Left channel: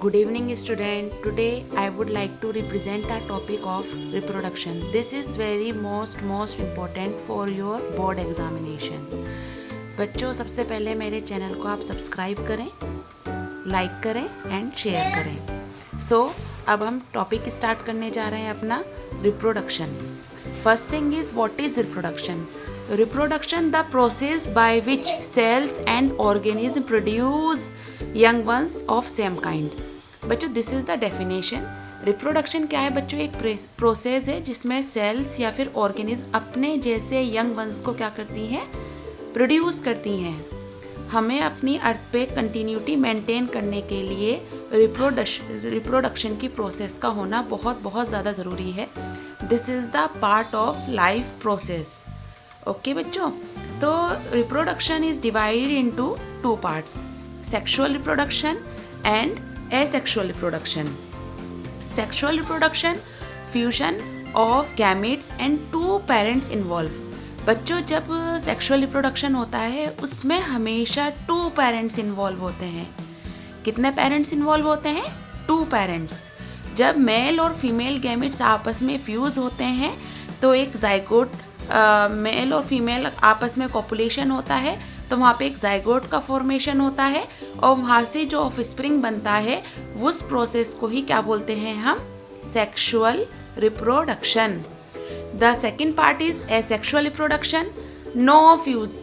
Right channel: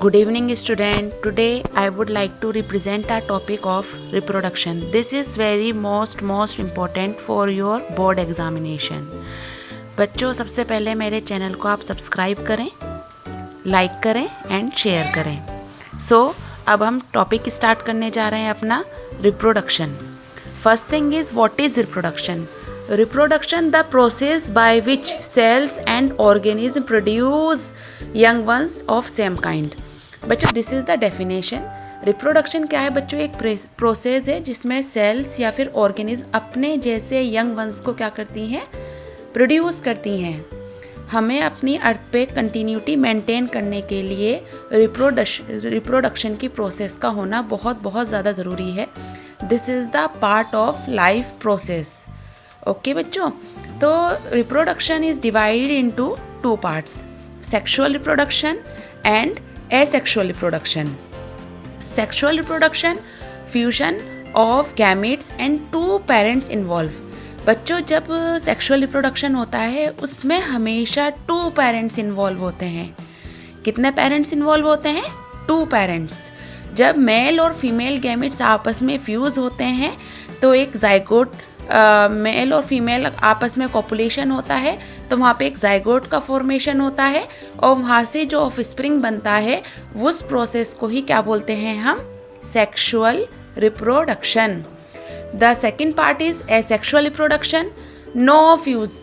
Good evening, student. Today I would like to represent a topic of reproduction. This is very most important for your board examination. बच्चों, सबसे पहले मेरे channel को आप subscribe करें, like करें and share करें। अब हम टॉपिक स्टार्ट करने जा रहे हैं अपना reproduction. First thing is what is reproduction? Reproduction, the process by which cells and organisms produce young ones of same kind. बच्चों, this is the definition. Reproduction क्या है बच्चों? एक प्रोसेस है जिसमें सेल्स या फिर ऑर्गेनिज्म अपने जैसे यंग वंस को क्या करती हैं? प्रोड्यूस करती हैं। हमें अपनी अर्थ पे कंटिन्यूटी मेंटेन करने के लिए रिप्रोडक्शन की प्रोसेस का होना बहुत ज़्यादा ज़रूरी है। This is the part of life process. Okay बच्चों, तो reproduction is divided into two parts, sexual reproduction and asexual reproduction. Sexual reproduction, fusion of gametes and two parents involve. बच्चों, जब सेक्सुअल रिप्रोडक्शन होता है उसमें हमेशा टू पेरेंट्स इन्वॉल्व होते हैं। कितने पेरेंट्स इन्वॉल्व होते हैं? Two parents. जब मेल और फीमेल गैमेट्स आपस में फ्यूज़ होते हैं तो एक जाइगोट, मेल और फीमेल आपस में कॉपुलेशन होता है तो वहाँ पे एक जाइगोट का फॉर्मेशन होता है और वहाँ से जो ऑफस्प्रिंग बनता है उस प्रोसेस को ही क्या बोलते हैं हम? Sexual reproduction. The second part is asexual reproduction, no fuse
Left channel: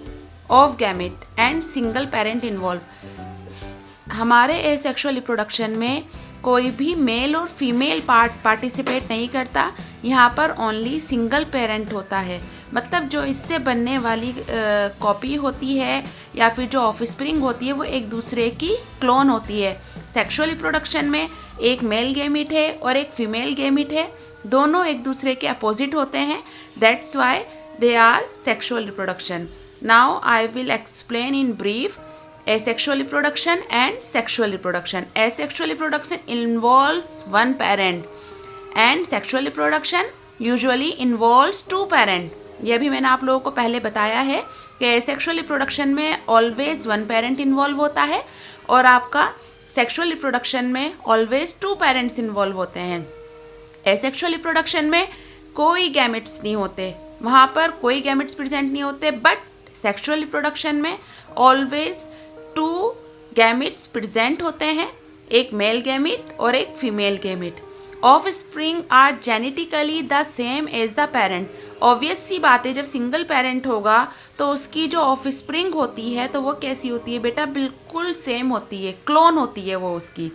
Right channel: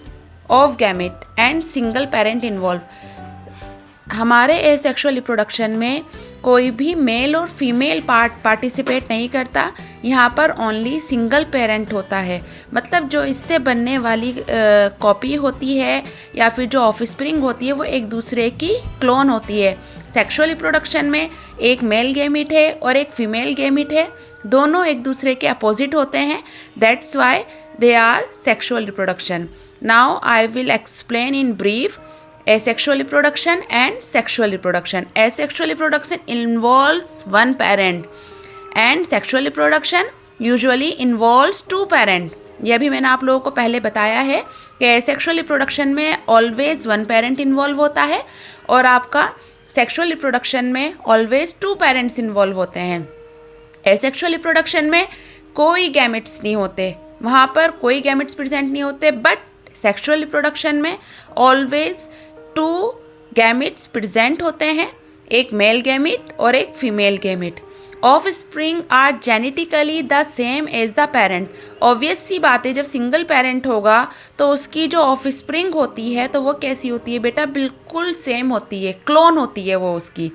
of gamete and single parent involve. हमारे एसेक्सुअल रिप्रोडक्शन में कोई भी मेल और फीमेल पार्टिसिपेट नहीं करता। यहाँ पर ओनली सिंगल पेरेंट होता है, मतलब जो इससे बनने वाली कॉपी होती है या फिर जो ऑफस्प्रिंग होती है वो एक दूसरे की क्लोन होती है। सेक्सुअल रिप्रोडक्शन में एक मेल गैमेट है और एक फीमेल गैमेट है, दोनों एक दूसरे के अपोजिट होते हैं। That's why they are sexual reproduction. Now I will explain in brief asexual reproduction and sexual reproduction. Asexual reproduction involves one parent and sexual reproduction usually involves two parent. यह भी मैंने आप लोगों को पहले बताया है कि asexual reproduction में always one parent involve होता है और आपका sexual reproduction में always two parents involve होते हैं। asexual reproduction में कोई गैमेट्स नहीं होते, वहाँ पर कोई गैमेट्स प्रेजेंट नहीं होते, बट सेक्सुअल रिप्रोडक्शन में ऑलवेज टू गैमेट्स प्रेजेंट होते हैं, एक मेल गैमेट और एक female gamete. Offspring are genetically the same as the parent. Obvious सी बात है, जब सिंगल पेरेंट होगा तो उसकी जो ऑफ स्प्रिंग होती है तो वो कैसी होती है बेटा? बिल्कुल सेम होती है, क्लोन होती है वो उसकी।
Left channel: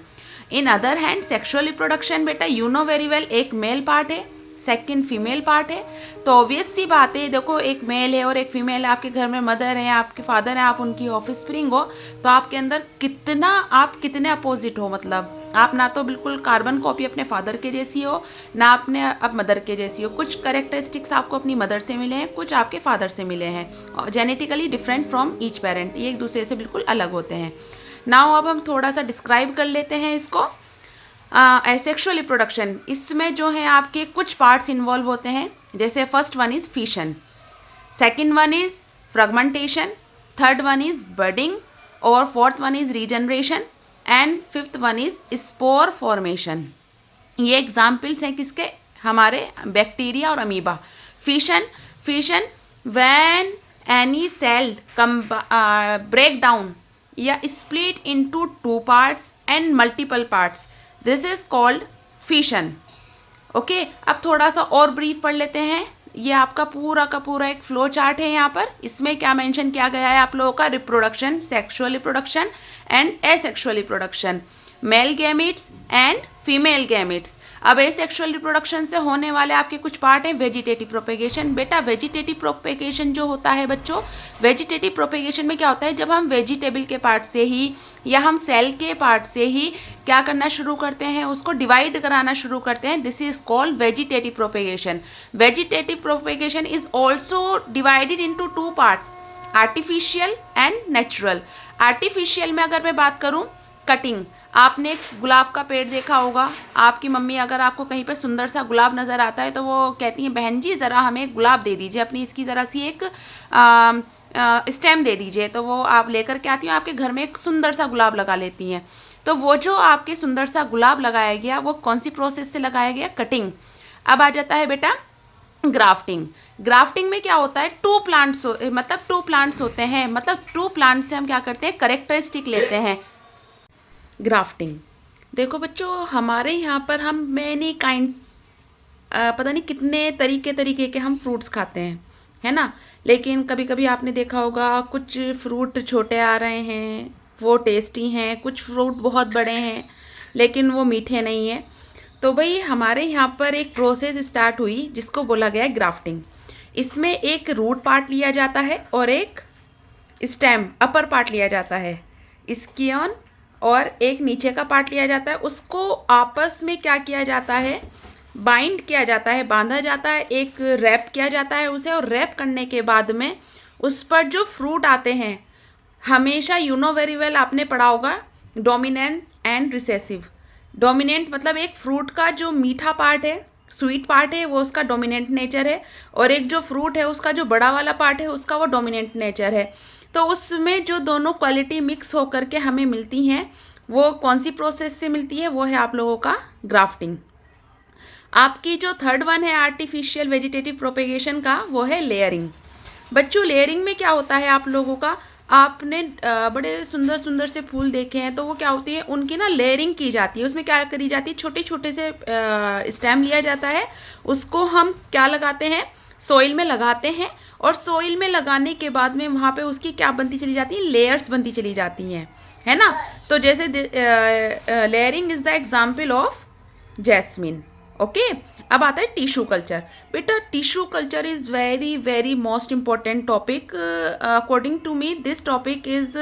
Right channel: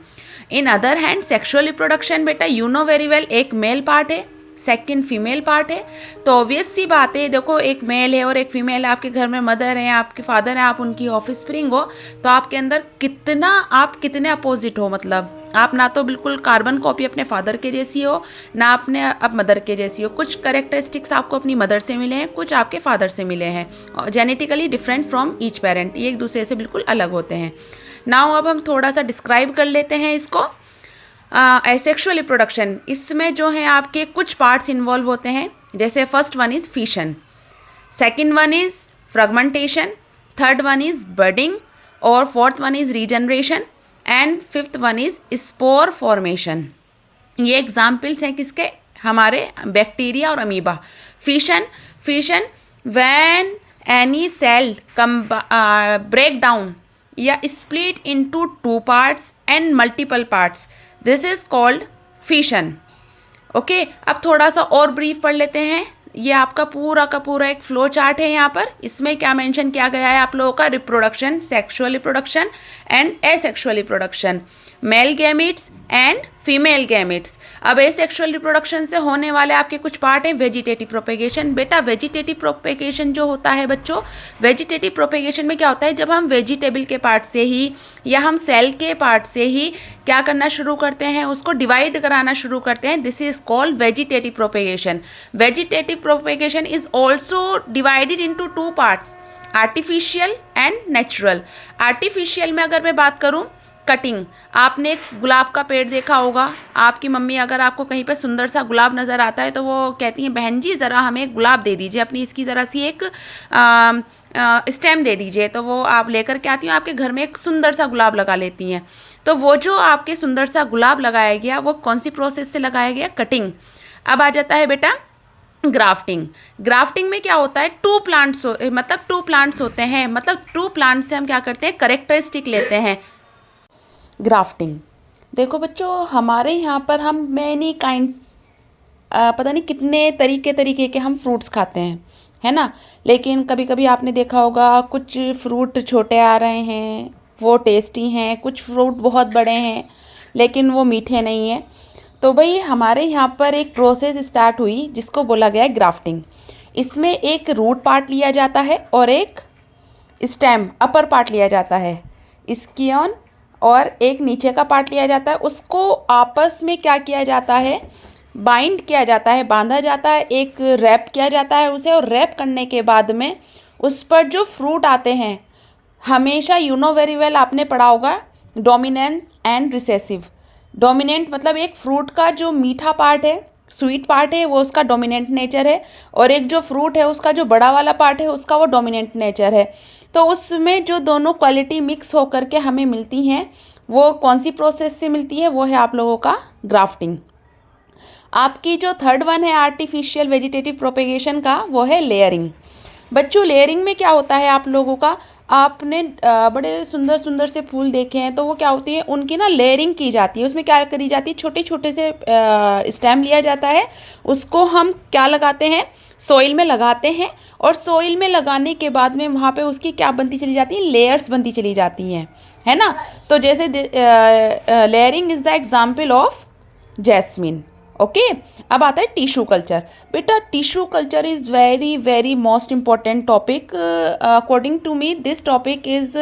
In other hand sexual reproduction बेटा यू नो वेरी वेल, एक मेल पार्ट है, सेकंड फीमेल पार्ट है। तो ऑब्वियस सी बात है, देखो एक मेल है और एक फीमेल है, आपके घर में मदर है, आपके फादर हैं, आप उनकी ऑफस्प्रिंग हो, तो आपके अंदर आप कितने अपोजिट हो, मतलब आप ना तो बिल्कुल कार्बन कॉपी अपने फादर के जैसी हो, ना अपने अब मदर के जैसी हो। कुछ कैरेक्टरिस्टिक्स आपको अपनी मदर से मिले हैं, कुछ आपके फादर से मिले हैं, genetically different from each parent, ये एक दूसरे से बिल्कुल अलग होते हैं। नाउ अब हम थोड़ा सा डिस्क्राइब कर लेते हैं इसको। एसेक्सुअल रिप्रोडक्शन, इसमें जो है आपके कुछ पार्ट्स इन्वॉल्व होते हैं, जैसे first one is fission, second one is fragmentation, third one is budding और fourth one is regeneration and fifth one is spore formation. ये एग्जाम्पल्स हैं किसके? हमारे बैक्टीरिया और amoeba. Fission when any cell break down या split into two parts and multiple parts, this is called fission. Okay, अब थोड़ा सा और ब्रीफ पढ़ लेते हैं। ये आपका पूरा का पूरा एक फ्लो चार्ट है। यहाँ पर इसमें क्या मेंशन किया गया है आप लोगों का? Reproduction, sexual reproduction and asexual reproduction, male gametes and female gametes. अब एसेक्सुअल रिप्रोडक्शन से होने वाले आपके कुछ पार्ट हैं। Vegetative propagation. बेटा वेजिटेटिव प्रोपेगेशन जो होता है बच्चों, वेजिटेटिव प्रोपेगेशन में क्या होता है? जब हम वेजिटेबल के पार्ट से ही या हम सेल के पार्ट से ही क्या करना शुरू करते हैं? उसको डिवाइड कराना शुरू करते हैं। This is called vegetative propagation. Vegetative propagation is also divided into two parts, artificial and natural. Artificial में अगर मैं बात करूँ, कटिंग, आपने एक गुलाब का पेड़ देखा होगा, आपकी मम्मी अगर आपको कहीं पे सुंदर सा गुलाब नज़र आता है तो वो कहती हैं बहन जी ज़रा हमें एक गुलाब दे दीजिए, अपनी इसकी ज़रा सी एक स्टेम दे दीजिए, तो वो आप लेकर के आती हैं, आपके घर में एक सुंदर सा गुलाब लगा लेती हैं। तो वो जो आपके सुंदर सा गुलाब लगाया गया वो कौन सी प्रोसेस से लगाया गया? कटिंग। अब आ जाता है बेटा ग्राफ्टिंग। ग्राफ्टिंग में क्या होता है, टू प्लांट्स होते हैं, मतलब टू प्लांट से हम क्या करते हैं, करेक्टरिस्टिक लेते हैं। ग्राफ्टिंग देखो बच्चों, हमारे यहाँ पर हम मैनी काइंड्स, पता नहीं कितने तरीके के हम फ्रूट्स खाते हैं, है ना। लेकिन कभी कभी आपने देखा होगा कुछ फ्रूट छोटे आ रहे हैं, वो टेस्टी हैं, कुछ फ्रूट बहुत बड़े हैं लेकिन वो मीठे नहीं हैं। तो भाई हमारे यहाँ पर एक प्रोसेस स्टार्ट हुई जिसको बोला गया है ग्राफ्टिंग। इसमें एक रूट पार्ट लिया जाता है और एक स्टेम अपर पार्ट लिया जाता है, स्कियन, और एक नीचे का पार्ट लिया जाता है। उसको आपस में क्या किया जाता है, बाइंड किया जाता है, बांधा जाता है, एक रैप किया जाता है उसे। और रैप करने के बाद में उस पर जो फ्रूट आते हैं, हमेशा यू नो वेरी वेल आपने पढ़ा होगा डोमिनेंस एंड रिसेसिव। डोमिनेंट मतलब एक फ्रूट का जो मीठा पार्ट है, स्वीट पार्ट है, वो उसका डोमिनेंट नेचर है, और एक जो फ्रूट है उसका जो बड़ा वाला पार्ट है उसका वो डोमिनेंट नेचर है। तो उसमें जो दोनों क्वालिटी मिक्स होकर के हमें मिलती हैं, वो कौन सी प्रोसेस से मिलती है, वो है आप लोगों का ग्राफ्टिंग। आपकी जो थर्ड वन है आर्टिफिशियल वेजिटेटिव प्रोपेगेशन का, वो है लेयरिंग। बच्चों लेयरिंग में क्या होता है आप लोगों का, आपने बड़े सुंदर सुंदर से फूल देखे हैं, तो वो क्या होती है, उनकी ना लेयरिंग की जाती है। उसमें क्या करी जाती है, छोटे छोटे से स्टेम लिया जाता है, उसको हम क्या लगाते हैं, सॉइल में लगाते हैं, और सॉइल में लगाने के बाद में वहाँ पे उसकी क्या बनती चली जाती है, लेयर्स बनती चली जाती हैं, है ना। तो जैसे layering is the example of jasmine. Okay अब आता है टिश्यू कल्चर। बेटा tissue culture is very very most important topic. According to me this topic is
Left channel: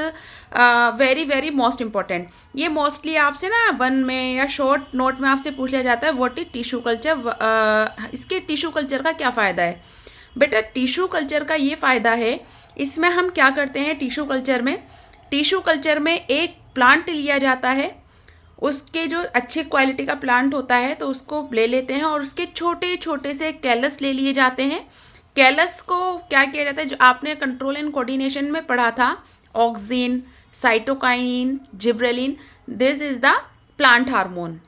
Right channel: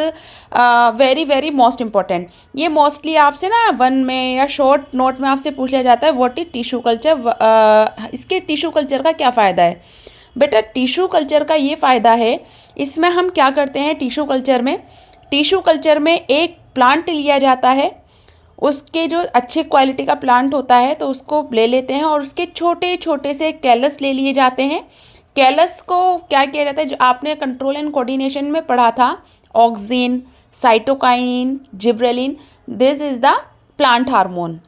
very very most important. ये मोस्टली आपसे ना वन में या शॉर्ट नोट में आपसे पूछा जाता है व्हाट इज टिश्यू कल्चर। इसके टिश्यू कल्चर का क्या फ़ायदा है? बेटा टिश्यू कल्चर का ये फ़ायदा है, इसमें हम क्या करते हैं, टिश्यू कल्चर में एक प्लांट लिया जाता है, उसके जो अच्छे क्वालिटी का प्लांट होता है तो उसको ले लेते हैं, और उसके छोटे छोटे से कैलस ले लिए जाते हैं। कैलस को क्या किया जाता है, जो आपने कंट्रोल एंड कोऑर्डिनेशन में पढ़ा था, auxin, cytokine, gibberellin, this is the plant hormone,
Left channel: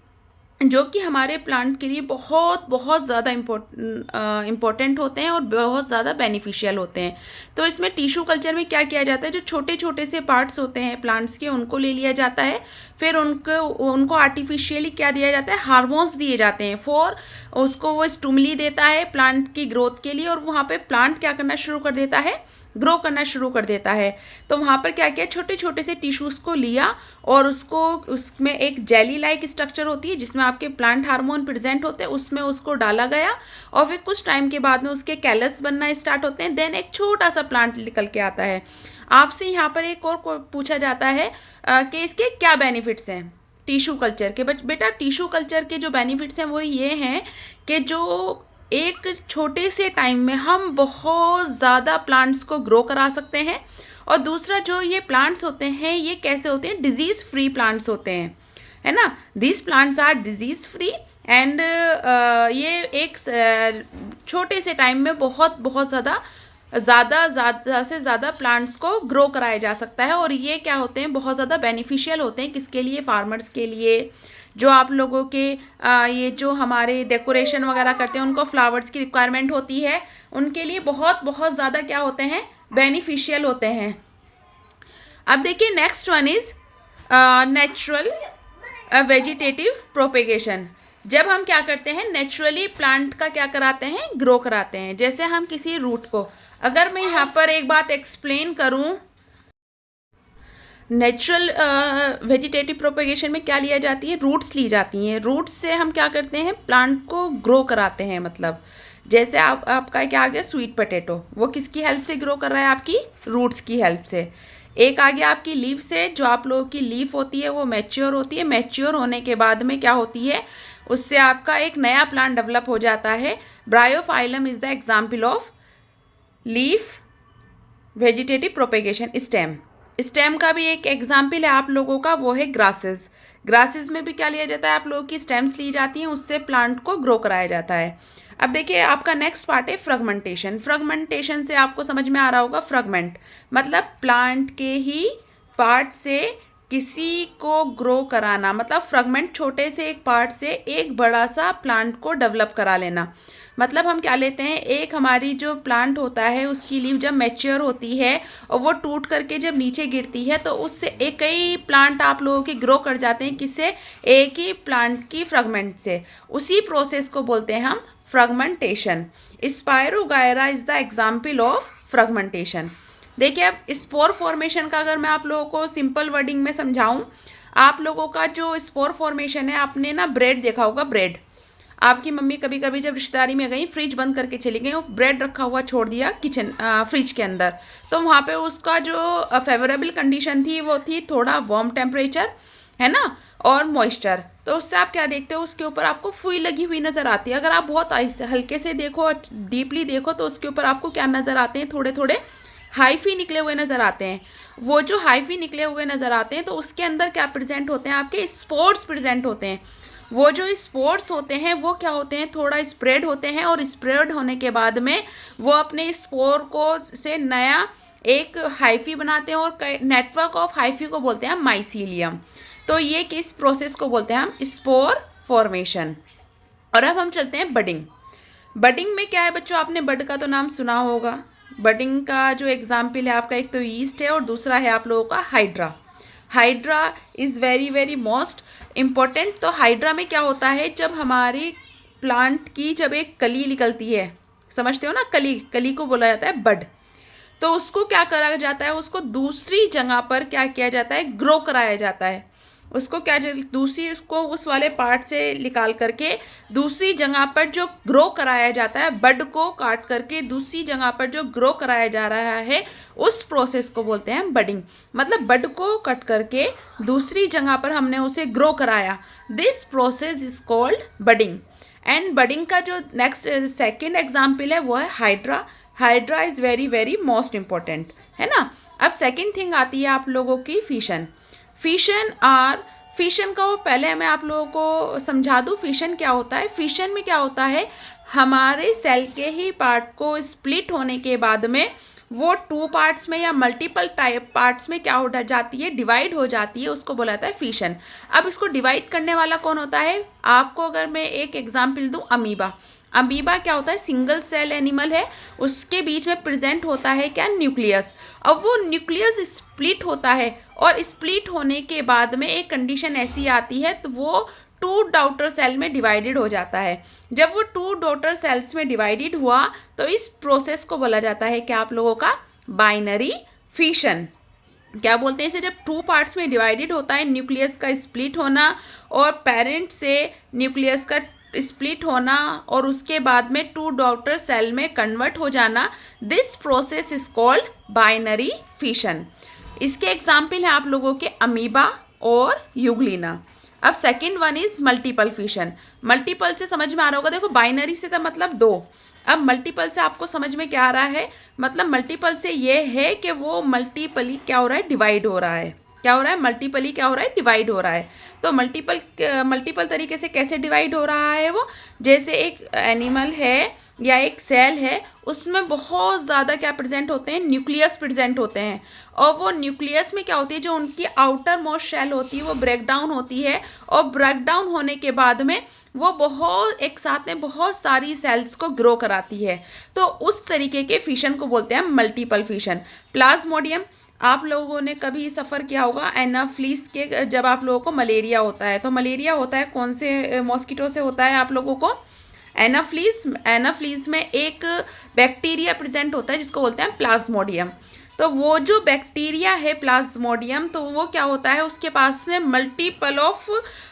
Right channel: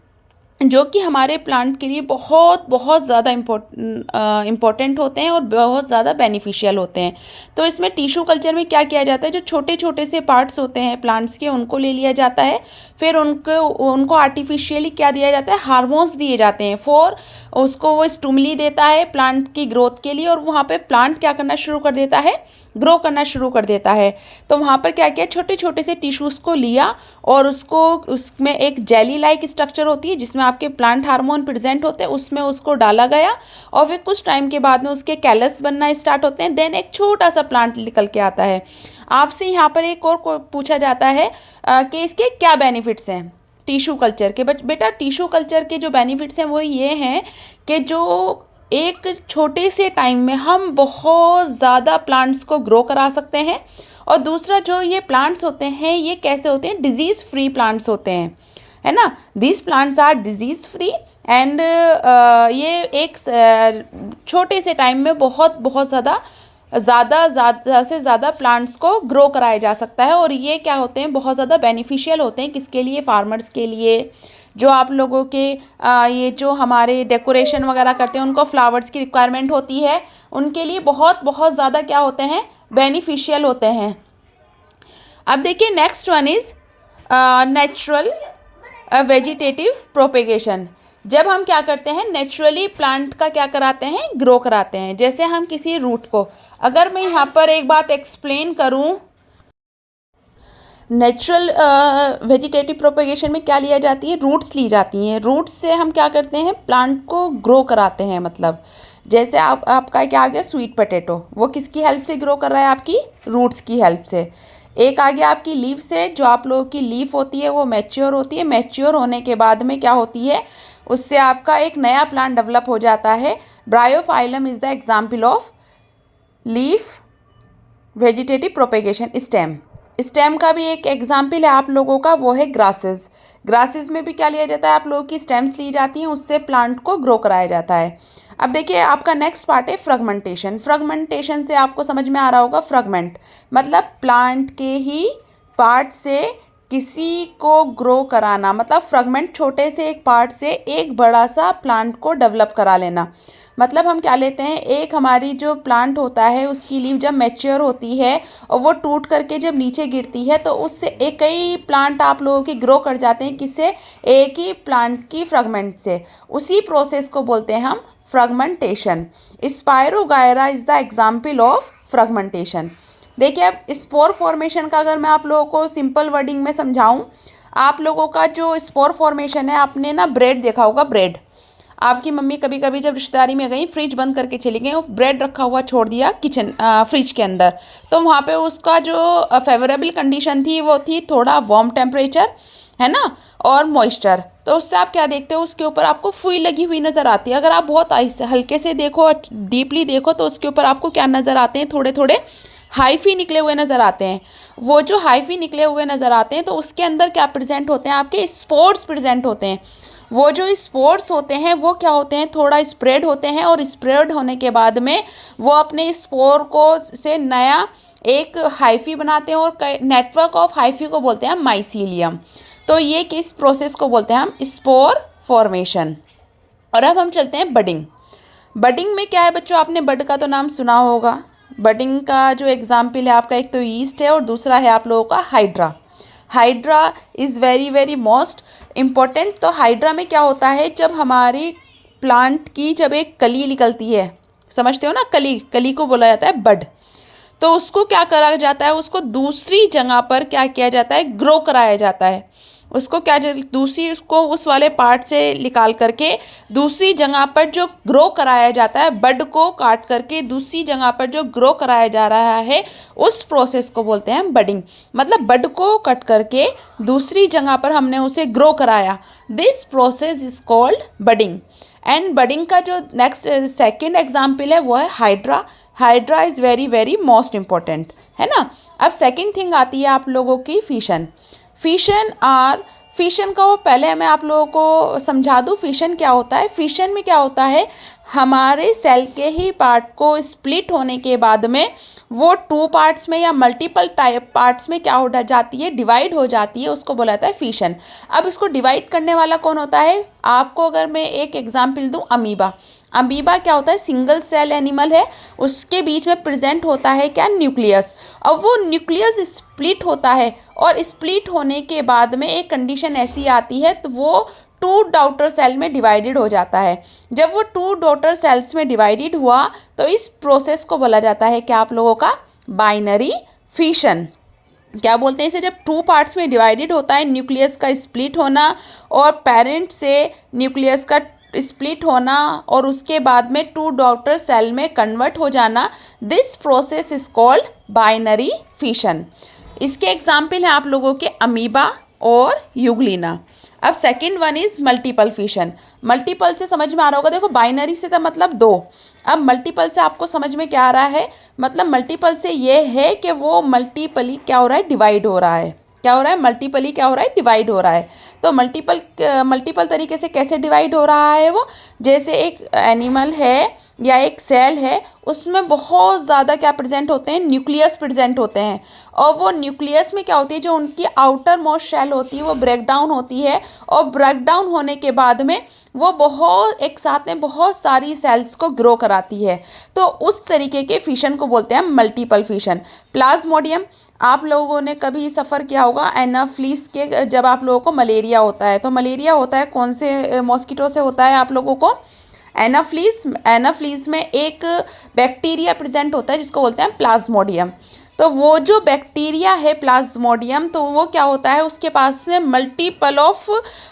जो कि हमारे प्लांट के लिए बहुत बहुत ज़्यादा इम्पोर्टेंट होते हैं और बहुत ज़्यादा बेनिफिशियल होते हैं। तो इसमें टिश्यू कल्चर में क्या किया जाता है, जो छोटे छोटे से पार्ट्स होते हैं प्लांट्स के, उनको ले लिया जाता है, फिर उनको आर्टिफिशियली क्या दिया जाता है, हार्मोन्स दिए जाते हैं फॉर, उसको वो स्टिमुली देता है प्लांट की ग्रोथ के लिए, और वहाँ पे प्लांट क्या करना शुरू कर देता है, ग्रो करना शुरू कर देता है। तो वहाँ पर क्या किया, छोटे छोटे से टिश्यूज़ को लिया और उसमें एक जेली लाइक स्ट्रक्चर होती है जिसमें आपके प्लांट हार्मोन प्रेजेंट होते हैं, उसमें उसको डाला गया, और फिर कुछ टाइम के बाद में उसके कैलस बनना स्टार्ट होते हैं, देन एक छोटा सा प्लांट निकल के आता है। आपसे यहाँ पर एक और पूछा जाता है कि इसके क्या बेनिफिट्स हैं टिश्यू कल्चर के। बेटा टिश्यू कल्चर के जो बेनिफिट्स हैं वो ये हैं कि जो एक छोटे से टाइम में हम बहुत ज़्यादा प्लांट्स को ग्रो करा सकते हैं, और दूसरा जो ये प्लांट्स होते हैं ये कैसे होते हैं, डिजीज़ फ्री प्लांट्स होते हैं, है ना। This plants are disease free and ये एक छोटे से टाइम में बहुत बहुत ज़्यादा से ज़्यादा प्लांट्स को ग्रो कराया जा सकता है, और ये क्या होते हैं, बहुत ज़्यादा बेनिफिशियल होते हैं, किसके लिए, फार्मर्स के लिए, जो आप लोगों के ये जो हमारे डेकोरेशन वगैरह करते हैं उनको फ्लावर्स की रिक्वायरमेंट होती है, उनके लिए बहुत बहुत ज़्यादा क्या होते हैं, बेनिफिशियल होते हैं। अब देखिए next one is natural vegetative propagation. जब हम क्या करते हैं, नेचुरली प्लांट का क्या कराते हैं, ग्रो कराते हैं। जैसे हम किसी रूट को, अगर मैं यहाँ पर एक बात एक्सप्लेन करूँ, नेचुरल वेजिटेटिव प्रोपेगेशन में क्या लिया जाती है, रूट्स ली जाती हैं। रूट्स से हम क्या करते हैं, प्लांट को ग्रो कराते हैं। मतलब जैसे आपका क्या आ गया, स्वीट पोटैटो, वो किसकी हेल्प से ग्रो कर रहा है, आपकी रूट्स की हेल्प से। एक आ गया आपकी लीफ से, जो आप लोगों की लीफ होती है वो मैच्योर होती है, मैच्योर होने के बाद में क्या होती है, उससे आपका एक नया प्लांट डेवलप हो जाता है। Bryophyllum is the example of leaf vegetative propagation. Stem का भी एक एग्जाम्पल है आप लोगों का, वो है ग्रासेस में भी क्या लिया जाता है, आप लोगों की स्टेम्स ली जाती हैं, उससे प्लांट को ग्रो कराया जाता है। अब देखिए आपका नेक्स्ट पार्ट है फ्रैगमेंटेशन से आपको समझ में आ रहा होगा, फ्रैगमेंट मतलब प्लांट के ही पार्ट से किसी को ग्रो कराना मतलब फ्रेगमेंट, छोटे से एक पार्ट से एक बड़ा सा प्लांट को डेवलप करा लेना। मतलब हम क्या लेते हैं, एक हमारी जो प्लांट होता है उसकी लीव जब मैच्योर होती है और वो टूट करके जब नीचे गिरती है तो उससे एक ही प्लांट आप लोगों के ग्रो कर जाते हैं, किससे, एक ही प्लांट की फ्रेगमेंट से। उसी प्रोसेस को बोलते हैं हम fragmentation. Spirogyra is the example of fragmentation. देखिए अब स्पोर फॉर्मेशन का अगर मैं आप लोगों को सिंपल वर्डिंग में समझाऊं, आप लोगों का जो स्पोर फॉर्मेशन है, आपने ना ब्रेड देखा होगा, ब्रेड। आपकी मम्मी कभी कभी जब रिश्तेदारी में गई, फ्रिज बंद करके चली गई और ब्रेड रखा हुआ छोड़ दिया किचन फ्रिज के अंदर, तो वहाँ पे उसका जो फेवरेबल कंडीशन थी वो थी थोड़ा वार्म टेम्परेचर, है ना, और मॉइस्चर। तो उससे आप क्या देखते हो, उसके ऊपर आपको फुई लगी हुई नज़र आती है। अगर आप बहुत हल्के से देखो, डीपली देखो, तो उसके ऊपर आपको क्या नज़र आते हैं, थोड़े थोड़े हाइफी निकले हुए नज़र आते हैं। वो जो हाइफी निकले हुए नज़र आते हैं तो उसके अंदर क्या प्रेजेंट होते हैं, आपके स्पोर्स प्रेजेंट होते हैं। वो जो स्पोर्स होते हैं वो क्या होते हैं, थोड़ा स्प्रेड होते हैं, और स्प्रेड होने के बाद में वो अपने स्पोर को से नया एक हाइफी बनाते हैं, और नेटवर्क ऑफ हाइफी को बोलते हैं माइसीलियम। तो ये किस प्रोसेस को बोलते हैं हम, स्पोर फॉर्मेशन। और अब हम चलते हैं बडिंग। बडिंग में क्या है बच्चों, आपने बड का तो नाम सुना होगा। बडिंग का जो एग्जाम्पल है आपका, एक तो ईस्ट है और दूसरा है आप लोगों का hydra. Hydra is very very most important. तो हाइड्रा में क्या होता है, जब हमारी प्लांट की जब एक कली निकलती है, समझते हो ना, कली, कली को बोला जाता है बड। तो उसको क्या करा जाता है, उसको दूसरी जगह पर क्या किया जाता है, ग्रो कराया जाता है। उसको क्या दूसरी, उसको उस वाले पार्ट से निकाल करके दूसरी जगह पर जो ग्रो कराया जाता है, बड को काट करके दूसरी जगह पर जो ग्रो कराया जा रहा है, उस प्रोसेस को बोलते हैं बडिंग। मतलब बड को कट करके दूसरी जगह पर हमने उसे ग्रो कराया, this process is called budding. And budding का जो नेक्स्ट सेकेंड एग्जाम्पल है वो है hydra. Hydra is very very most important, है ना। अब सेकेंड थिंग आती है आप लोगों की फिशन। फिशन का वो पहले मैं आप लोगों को समझा दूँ, फिशन क्या होता है। फिशन में क्या होता है, हमारे सेल के ही पार्ट को स्प्लिट होने के बाद में वो टू पार्ट्स में या मल्टीपल टाइप पार्ट्स में क्या हो जाती है, डिवाइड हो जाती है, उसको बोला जाता है फिशन। अब इसको डिवाइड करने वाला कौन होता है, आपको अगर मैं एक एग्जाम्पल दूँ, अमीबा। अमीबा क्या होता है, सिंगल सेल एनिमल है, उसके बीच में प्रेजेंट होता है क्या, न्यूक्लियस। अब वो न्यूक्लियस स्प्लिट होता है, और स्प्लिट होने के बाद में एक कंडीशन ऐसी आती है तो वो टू डॉटर सेल में डिवाइडेड हो जाता है। जब वो टू डॉटर सेल्स में डिवाइडेड हुआ तो इस प्रोसेस को बोला जाता है क्या, आप लोगों का बाइनरी फिशन। क्या बोलते हैं इसे, जब टू पार्ट्स में डिवाइडेड होता है, न्यूक्लियस का स्प्लिट होना और पेरेंट से न्यूक्लियस का स्प्लिट होना और उसके बाद में टू डॉटर सेल में कन्वर्ट हो जाना, this process is called binary fission. इसके एग्जाम्पल हैं आप लोगों के अमीबा और यूग्लिना। अब second one is multiple fission. Multiple से समझ में आ रहा होगा, देखो बाइनरी से तो मतलब दो, अब मल्टीपल से आपको समझ में क्या आ रहा है, मतलब मल्टीपल से ये है कि वो मल्टीपली क्या हो रहा है, डिवाइड हो रहा है। क्या हो रहा है, मल्टीपली क्या हो रहा है, डिवाइड हो रहा है। तो मल्टीपल तरीके से कैसे डिवाइड हो रहा है वो, जैसे एक एनिमल है या एक सेल है, उसमें बहुत ज़्यादा क्या प्रेजेंट होते हैं, न्यूक्लियस प्रेजेंट होते हैं। और वो न्यूक्लियस में क्या होती है, जो उनकी आउटर मोस्ट शेल होती है वो ब्रेक डाउन होती है, और ब्रेक डाउन होने के बाद में वो बहुत एक साथ में बहुत सारी सेल्स को ग्रो कराती है। तो उस तरीके के फिशन को बोलते हैं मल्टीपल फिशन। प्लाज्मोडियम, आप लोगों ने कभी सफ़र किया होगा एनाफ्लीस के, जब आप लोगों को मलेरिया होता है, तो मलेरिया होता है कौन से मॉस्किटो से होता है आप लोगों को, एनाफ्लीस में एक बैक्टीरिया प्रेजेंट होता है जिसको बोलते हैं प्लाज्मोडियम। तो वो जो बैक्टीरिया है प्लाज्मोडियम, तो वो क्या होता है, उसके पास में मल्टीपल ऑफ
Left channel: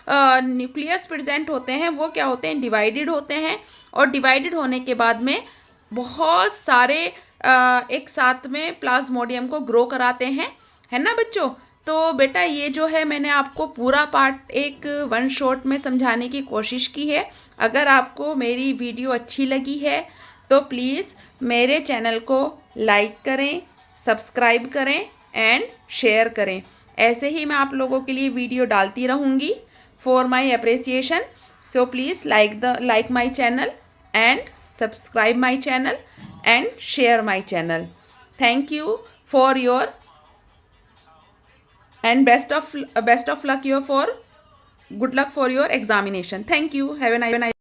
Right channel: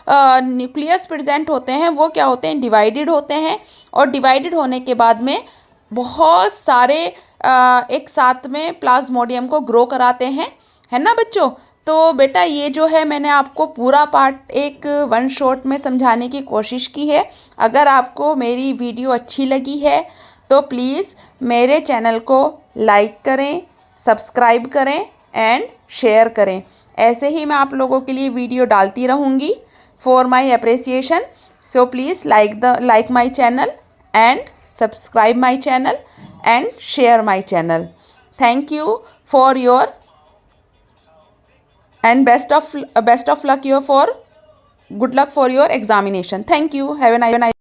न्यूक्लियस प्रेजेंट होते हैं, वो क्या होते हैं, डिवाइडेड होते हैं, और डिवाइडेड होने के बाद में बहुत सारे एक साथ में प्लाज्मोडियम को ग्रो कराते हैं, है ना बच्चों। तो बेटा ये जो है मैंने आपको पूरा पार्ट एक वन शॉट में समझाने की कोशिश की है। अगर आपको मेरी वीडियो अच्छी लगी है तो प्लीज़ मेरे चैनल को लाइक करें, सब्सक्राइब करें एंड शेयर करें। ऐसे ही मैं आप लोगों के लिए वीडियो डालती रहूँगी for my appreciation. So please like my channel and subscribe my channel and share my channel. Thank you for your and best of luck your for good luck for your examination. Thank you. Have a nice